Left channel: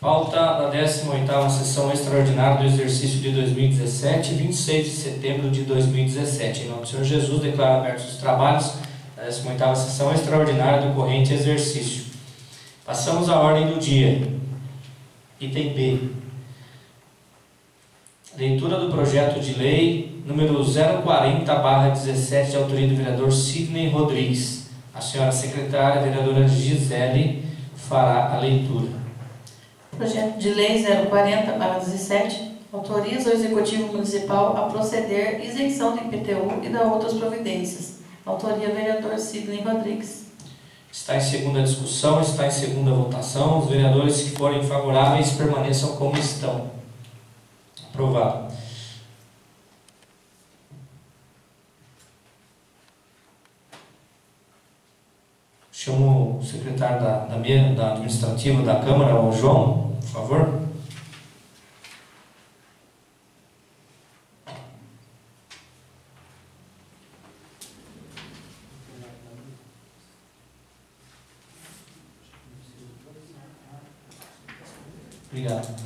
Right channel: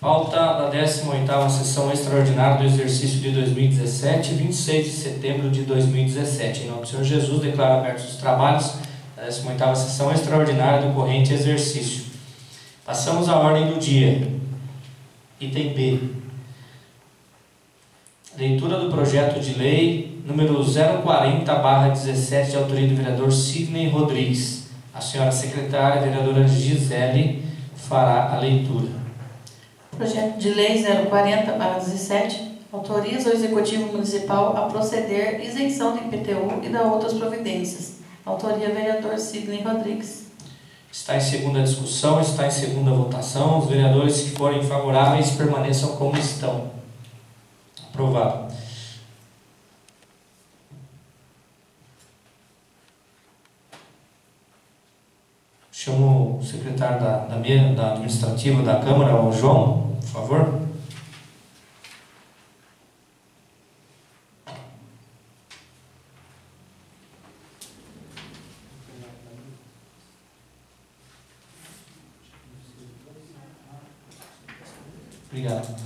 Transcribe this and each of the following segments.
Pauta da 18ª sessão extraordinária do exercício de 2017, 26 de setembro de 2017. Em nome do Senhor Jesus, declaro abertos os trabalhos da 18ª sessão extraordinária do corrente exercício. Passamos à ordem do dia. Item B. Leitura do projeto de lei número 040/17, de autoria do vereador Sidney Rodrigues. A senhora secretária, a vereadora Gisele, fará a leitura. Projeto de Lei 040/17 autoriza o Executivo Municipal a proceder isenção do IPTU e da outras providências. Autoria vereador Sidney Rodrigues. Está em segunda discussão, está em segunda votação. Os vereadores que forem favoráveis permaneçam como estão. Aprovado. Chamo o secretário da administrativa da Câmara, o João, por favor. Obrigado.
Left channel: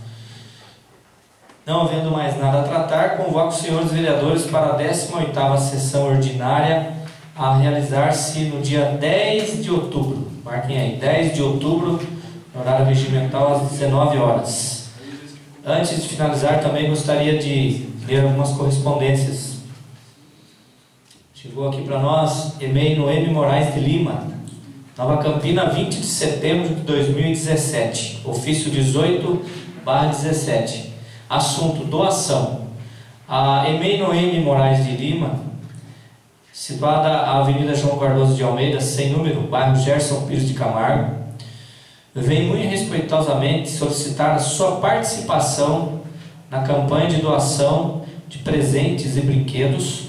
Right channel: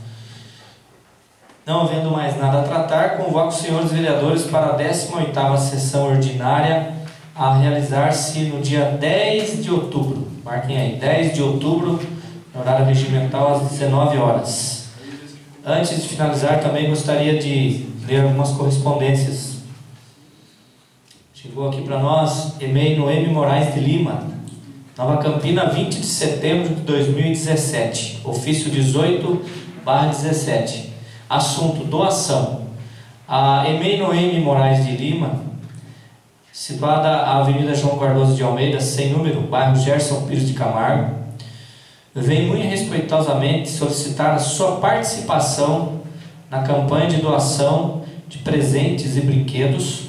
Não havendo mais nada a tratar, convoco os senhores vereadores para a 18ª sessão ordinária a realizar-se no dia 10 de outubro. Marquem aí, 10 de outubro, no horário regimental, às 19 horas. Antes de finalizar, também gostaria de ler algumas correspondências. Chegou aqui para nós, e-mail Noemi Moraes de Lima, Nova Campina, 20 de setembro de 2017, ofício 18/17. Assunto: doação. A e-mail Noemi Moraes de Lima, situada a Avenida João Cardoso de Almeida, sem número, bairro Gerson Pires de Camargo, vem muito respeitosamente solicitar a sua participação na campanha de doação de presentes e brinquedos,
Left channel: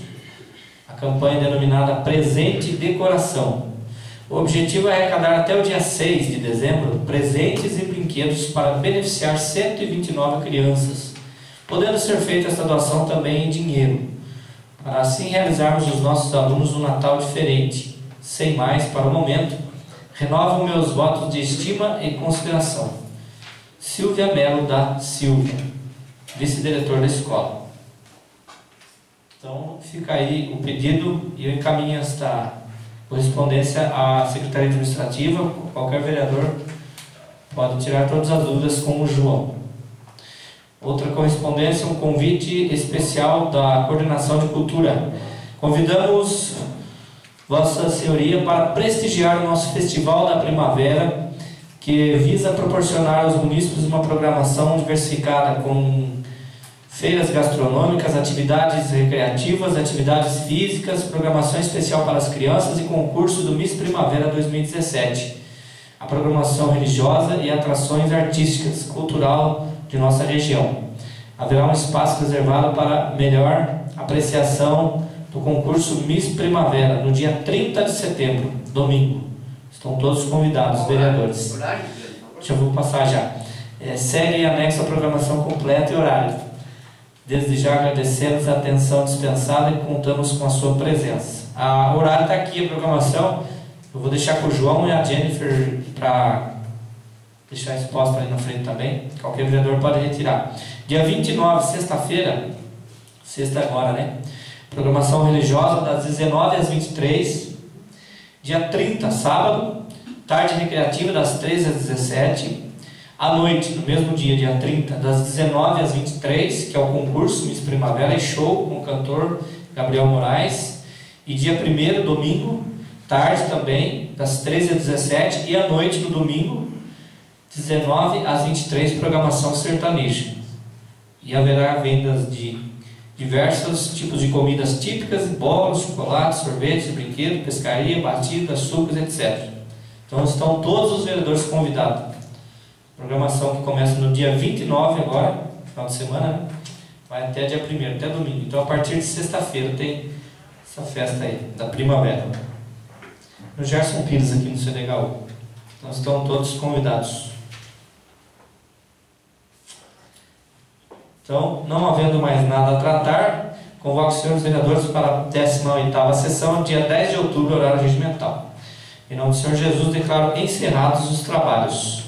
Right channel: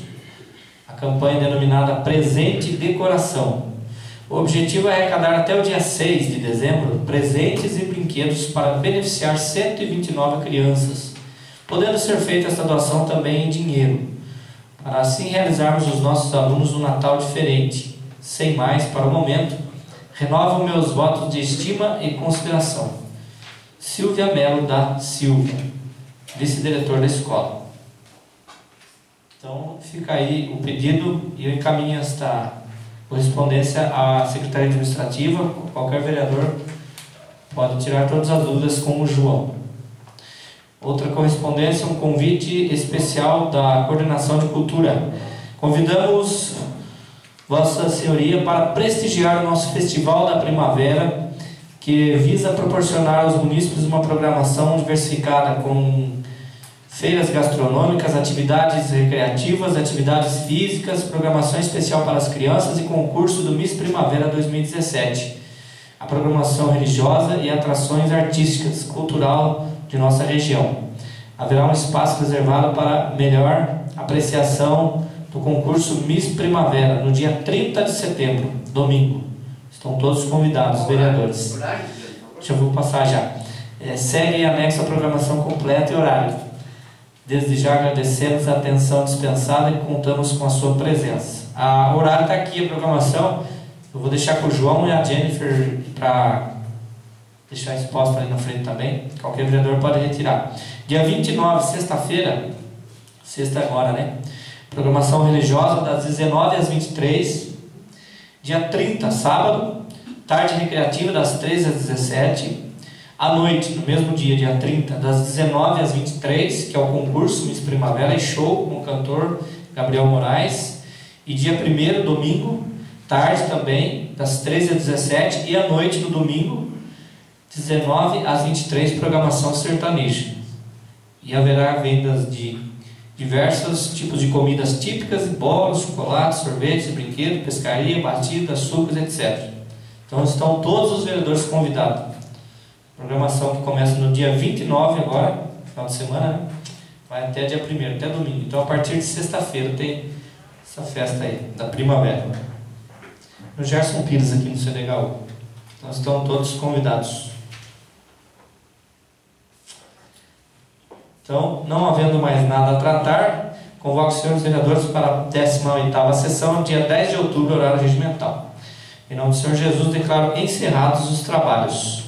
a campanha denominada Presente de Coração. O objetivo é arrecadar até o dia 6 de dezembro presentes e brinquedos para beneficiar 129 crianças, podendo ser feita esta doação também em dinheiro, para assim realizarmos os nossos alunos um Natal diferente. Sem mais, para o momento, renovo meus votos de estima e consideração. Silvia Melo da Silva, vice-diretor da escola. Então, fica aí o pedido e eu encaminho esta correspondência à Secretaria Administrativa. Qualquer vereador pode tirar todas as dúvidas com o João. Outra correspondência, um convite especial da Coordenação de Cultura. Convidamos Vossa Senhoria para prestigiar o nosso Festival da Primavera, que visa proporcionar aos munícipes uma programação diversificada com feiras gastronômicas, atividades recreativas, atividades físicas, programação especial para as crianças e concurso do Miss Primavera 2017. A programação religiosa e atrações artísticas, cultural de nossa região. Haverá um espaço reservado para melhor apreciação do concurso Miss Primavera no dia 30 de setembro, domingo. Estão todos convidados, vereadores. Já vou passar já. Segue em anexo a programação completa e horário. Desde já agradecemos a atenção dispensada e contamos com a sua presença. O horário está aqui, a programação. Eu vou deixar com o João e a Jennifer para deixar exposto ali na frente também. Qualquer vereador pode retirar. Dia 29, sexta-feira, sexta agora, né? Programação religiosa das 19 às 23. Dia 30, sábado, tarde recreativa das 13 às 17. À noite, no mesmo dia, dia 30, das 19 às 23, que é o concurso Miss Primavera e show com o cantor Gabriel Moraes. E dia 1º, domingo, tarde também, das 13 às 17. E à noite, no domingo, 19 às 23, programação sertaneja. E haverá vendas de diversos tipos de comidas típicas, bolos, chocolates, sorvetes, brinquedos, pescaria, batidas, sucos, etc. Então estão todos os vereadores convidados. Programação que começa no dia 29 agora, final de semana, né? Vai até dia 1º, até domingo. Então a partir de sexta-feira tem essa festa aí, da primavera. No Gerson Pires aqui no CDHU. Então estão todos convidados. Então, não havendo mais nada a tratar, convoco os senhores vereadores para a 18ª sessão, dia 10 de outubro, horário regimental. Em nome do Senhor Jesus, declaro encerrados os trabalhos.